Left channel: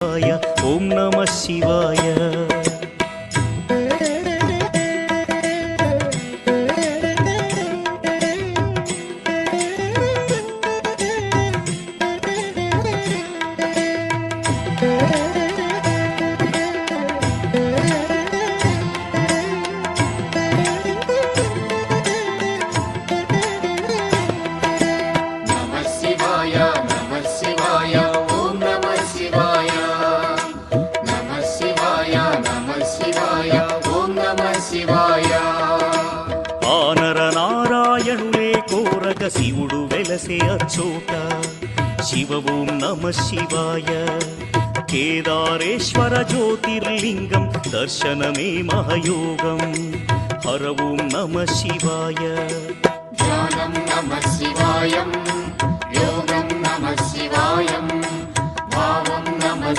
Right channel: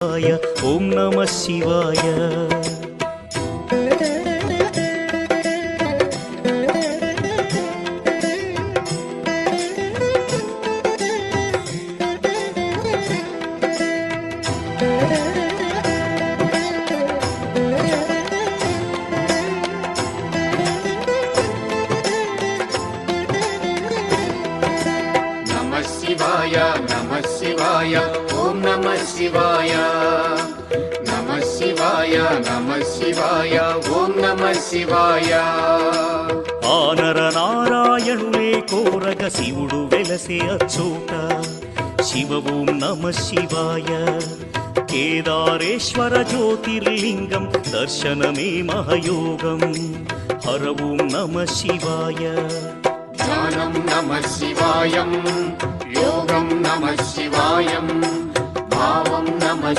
ఓం నమ శివాయ. నమః శివాయ నమః శివాయ ఓం నమః శివాయ. నమః శివాయ నమః శివాయ ఓం నమః శివాయ. ఆనర నారాయణులే కోరగ శివుడు వెలసే అచ్చోట. శివ ఓం నమ శివాయ. కేదారేశ్వర జ్యోతిర్లింగం దర్శనమే మహయోగం. హర ఓం నమ శివాయ. ధ్యానం నమః శివాయం, యోగం నమః శివాయం, భావం నమః